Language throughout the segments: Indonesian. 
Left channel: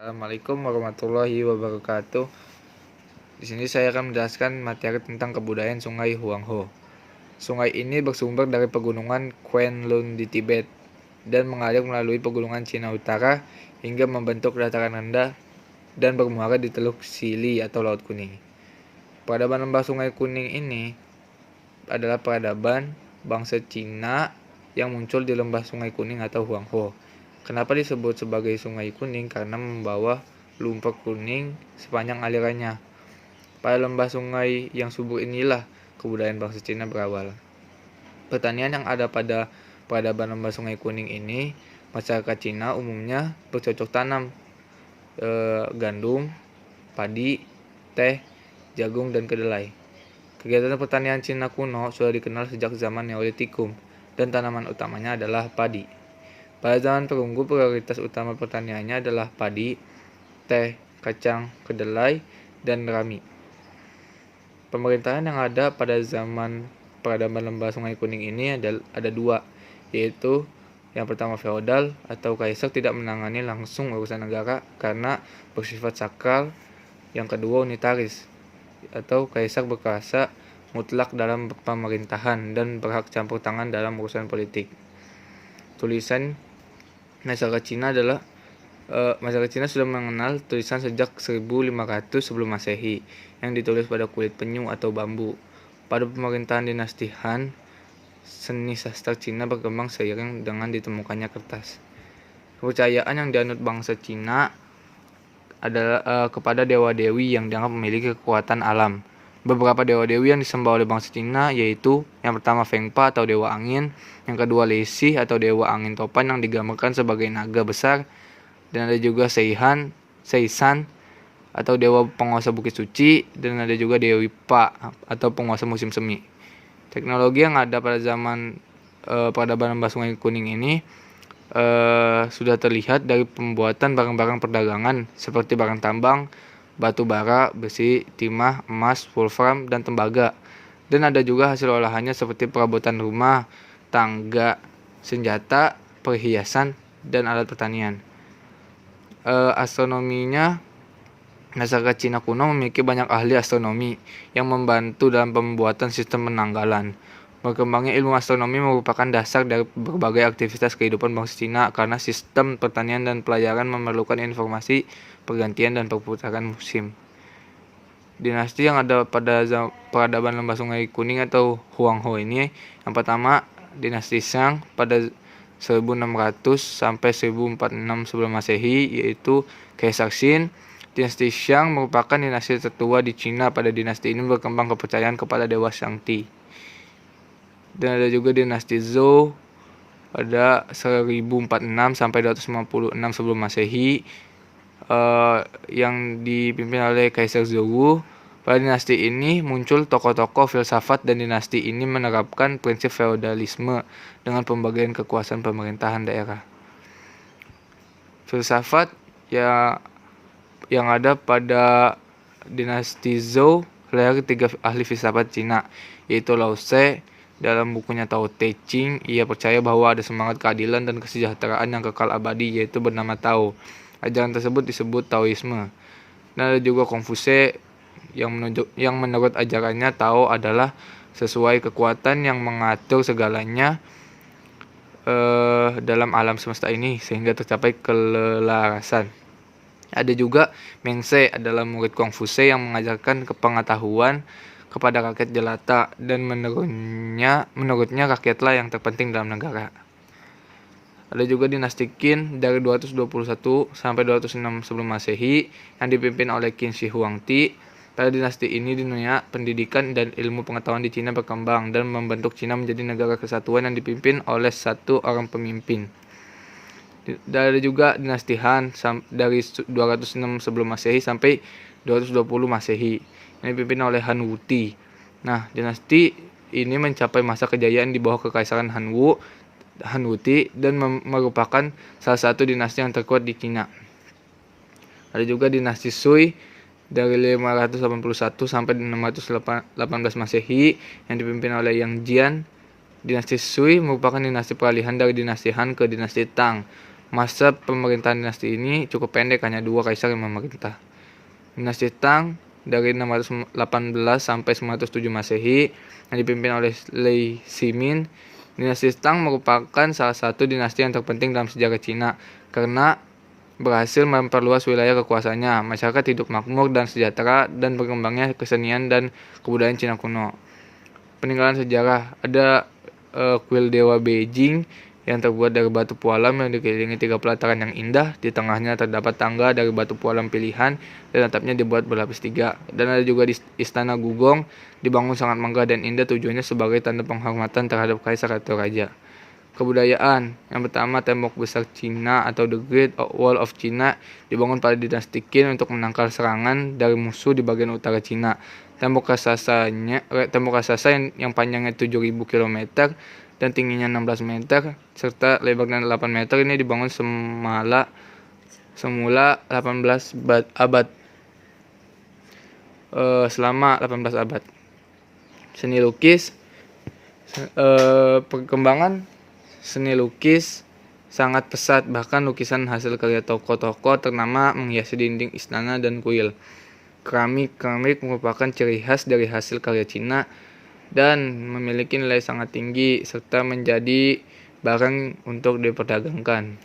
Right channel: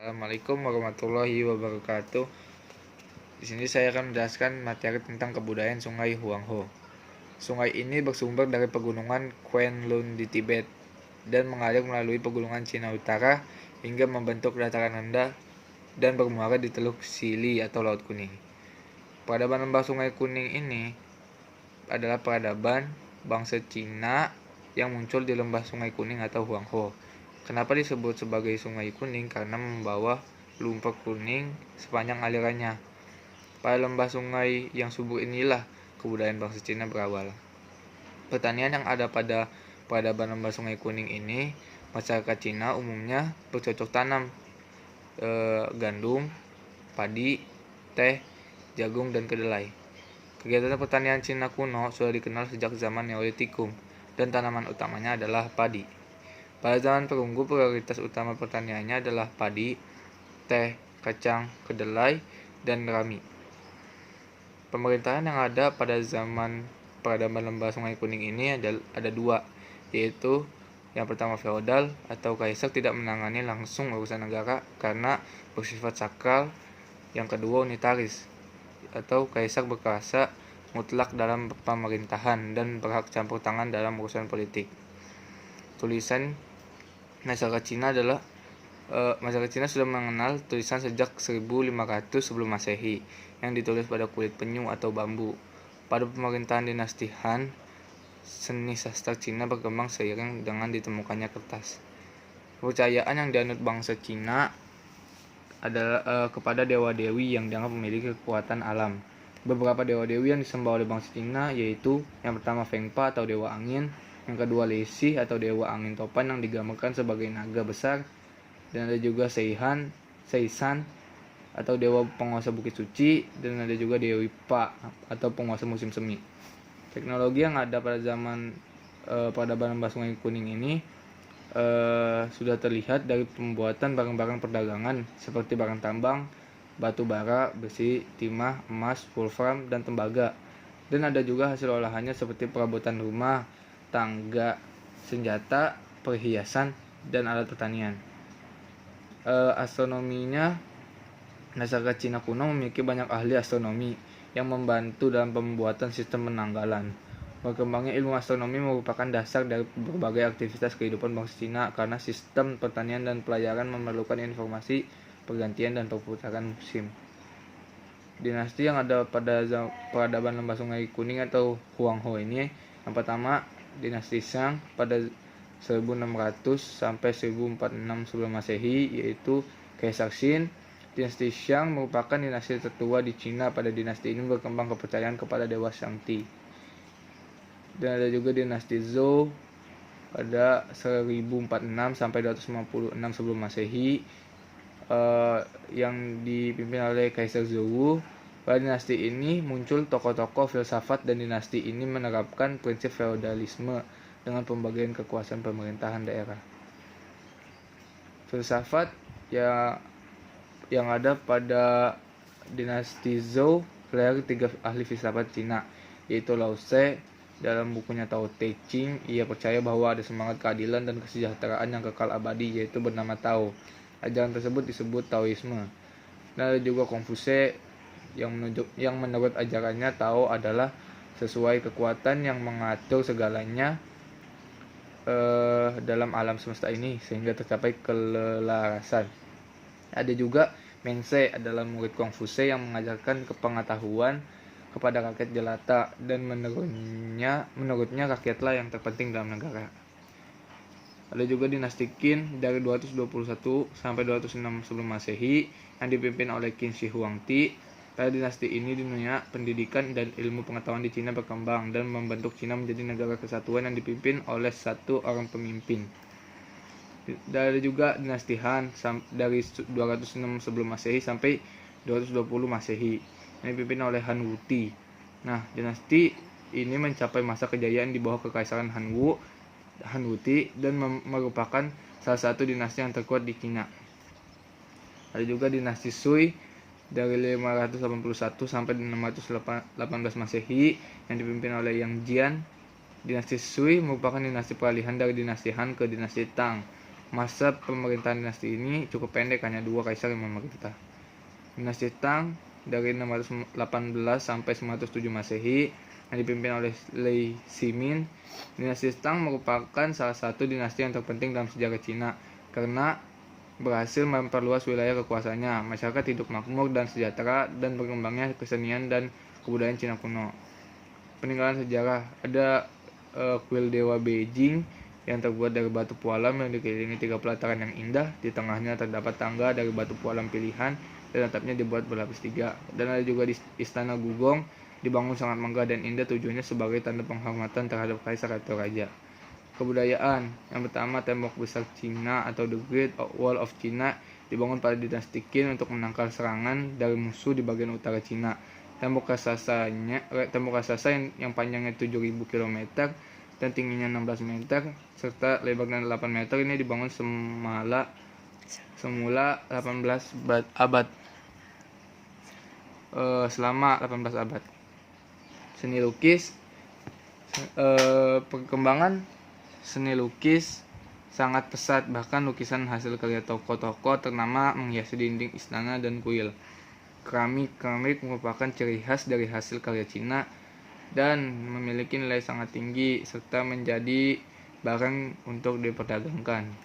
Assalamualaikum warahmatullahi wabarakatuh. Di sini saya akan menjelaskan materi tentang kebudayaan Sungai Huangho. Sungai ini bersumber dari pegunungan Kwenlun di Tibet dan mengalir melalui pegunungan Cina Utara hingga membentuk dataran rendah dan bermuara di Teluk Sili atau Laut Kuning. Peradaban lembah Sungai Kuning ini adalah peradaban bangsa Cina yang muncul di lembah Sungai Kuning atau Huangho. Kenapa disebut sebagai Sungai Kuning? Karena membawa lumpur kuning sepanjang alirannya. Pada lembah sungai yang subur inilah kebudayaan bangsa Cina berawal. Pertanian yang ada pada peradaban lembah Sungai Kuning ini, masyarakat Cina umumnya bercocok tanam gandum, padi, teh, jagung, dan kedelai. Kegiatan pertanian Cina kuno sudah dikenal sejak zaman Neolitikum dan tanaman utamanya adalah padi. Pada zaman perunggu, prioritas utama pertaniannya adalah padi, teh, kacang, kedelai, dan rami. Pemerintahan yang ada pada zaman peradaban lembah Sungai Kuning ini ada dua, yaitu yang pertama feodal atau kaisar tidak menangani langsung urusan negara karena bersifat sakral. Yang kedua unitaris atau kaisar berkuasa mutlak dalam pemerintahan dan berhak campur tangan dalam urusan politik. Tulisan masyarakat Cina sudah mengenal tulisan sejak 1500 sebelum Masehi yang ditulis pada kulit penyu atau bambu. Pada pemerintahan dinasti Han, seni sastra Cina berkembang seiring dengan ditemukannya kertas. Kepercayaan yang dianut bangsa Cina adalah kepada dewa-dewi yang dianggap memiliki kekuatan alam. Beberapa dewa-dewi yang disembah oleh bangsa Cina yaitu yang pertama Feng Pa atau dewa angin, yang kedua Lei Si atau dewa angin topan yang digambarkan sebagai naga besar, dan ada juga Seisan atau dewa penguasa bukit suci, dan ada juga Dewi Pa atau penguasa musim semi. Teknologi yang ada pada zaman peradaban lembah Sungai Kuning ini sudah terlihat dari pembuatan barang-barang perdagangan seperti barang tambang, batu bara, besi, timah, emas, wolfram, dan tembaga. Dan ada juga hasil olahannya seperti perabotan rumah, tangga, senjata, perhiasan, dan alat pertanian. Astronominya, masyarakat Cina kuno memiliki banyak ahli astronomi yang membantu dalam pembuatan sistem penanggalan. Berkembangnya ilmu astronomi merupakan dasar dari berbagai aktivitas kehidupan bangsa Cina karena sistem pertanian dan pelayaran memerlukan informasi, pergantian, dan perputaran musim. Dinasti yang ada pada peradaban lembah Sungai Kuning atau Huangho ini, yang pertama dinasti Shang pada 1600 sampai 1046 sebelum Masehi, yaitu Kaisar Qin. Dinasti Shang merupakan dinasti tertua di Cina. Pada dinasti ini berkembang kepercayaan kepada dewa Shangti. Dan ada juga dinasti Zhou pada 1046 sampai 256 sebelum Masehi, yang dipimpin oleh Kaisar Zhou. Pada dinasti ini muncul tokoh-tokoh filsafat dan dinasti ini menerapkan prinsip feodalisme dengan pembagian kekuasaan pemerintahan daerah. Filsafat yang ada pada dinasti Zhou dari 3 ahli filsafat Cina, yaitu Lao Tse. Dalam bukunya Tao Te Ching, ia percaya bahwa ada semangat keadilan dan kesejahteraan yang kekal abadi, yaitu bernama Tao. Ajaran tersebut disebut Taoisme. Dan ada juga Konfuse yang menurut ajarannya Tao adalah sesuai kekuatan yang mengatur segalanya dalam alam semesta ini sehingga tercapai kelelarasan. Ada juga Mengse adalah murid Konfuse yang mengajarkan pengetahuan kepada rakyat jelata, dan menurutnya rakyatlah yang terpenting dalam negara. Ada juga dinasti Qin dari 221 sampai 206 sebelum Masehi yang dipimpin oleh Qin Shi Huangdi. Pada dinasti ini dunia pendidikan dan ilmu pengetahuan di Cina berkembang dan membentuk Cina menjadi negara kesatuan yang dipimpin oleh satu orang pemimpin. Dan ada juga dinasti Han dari 206 sebelum Masehi sampai 220 Masehi yang dipimpin oleh Han Wuti. Nah, dinasti ini mencapai masa kejayaan di bawah kekaisaran Han Wuti dan merupakan salah satu dinasti yang terkuat di Cina. Ada juga dinasti Sui dari 581 sampai 618 Masehi yang dipimpin oleh Yang Jian. Dinasti Sui merupakan dinasti peralihan dari dinasti Han ke dinasti Tang. Masa pemerintahan dinasti ini cukup pendek, hanya 2 kaisar yang memerintah. Dinasti Tang dari 618 sampai 907 Masehi yang dipimpin oleh Lei Shimin. Dinasti Tang merupakan salah satu dinasti yang terpenting dalam sejarah Cina karena berhasil memperluas wilayah kekuasaannya. Masyarakat hidup makmur dan sejahtera dan berkembangnya kesenian dan kebudayaan Cina kuno. Peninggalan sejarah ada kuil Dewa Beijing yang terbuat dari batu pualam yang dikelilingi 3 pelataran yang indah. Di tengahnya terdapat tangga dari batu pualam pilihan dan atapnya dibuat berlapis 3. Dan ada juga di Istana Gugong, dibangun sangat megah dan indah, tujuannya sebagai tanda penghormatan terhadap kaisar atau raja. Kebudayaan yang pertama, tembok besar Cina atau The Great Wall of China dibangun pada dinasti Qin untuk menangkal serangan dari musuh di bagian utara Cina. Tembok raksasa yang panjangnya 7.000 km dan tingginya 16 meter serta lebarnya 8 meter ini dibangun semula 18 abad selama 18 abad. Seni lukis, perkembangan seni lukis sangat pesat, bahkan lukisan hasil karya tokoh-tokoh ternama menghiasi dinding istana dan kuil. Keramik merupakan ciri khas dari hasil karya Cina dan memiliki nilai sangat tinggi serta menjadi barang untuk diperdagangkan.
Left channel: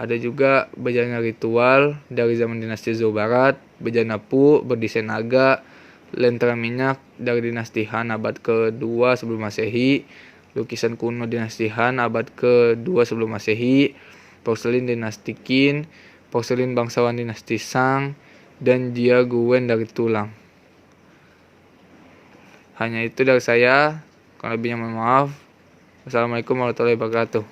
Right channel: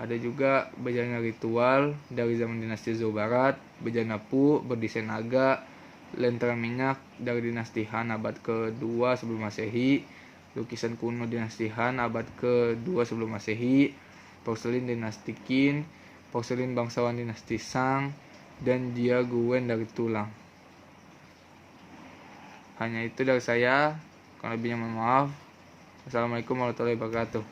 Ada juga bejana ritual dari zaman dinasti Zhou Barat, bejana Pu berdesain naga, lentera minyak dari dinasti Han abad ke-2 sebelum Masehi, lukisan kuno dinasti Han abad ke-2 sebelum Masehi, porselin dinasti Qin, porselin bangsawan dinasti Shang, dan Jia Guen dari tulang. Hanya itu dari saya, kalau lebihnya mohon maaf. Wassalamualaikum warahmatullahi wabarakatuh.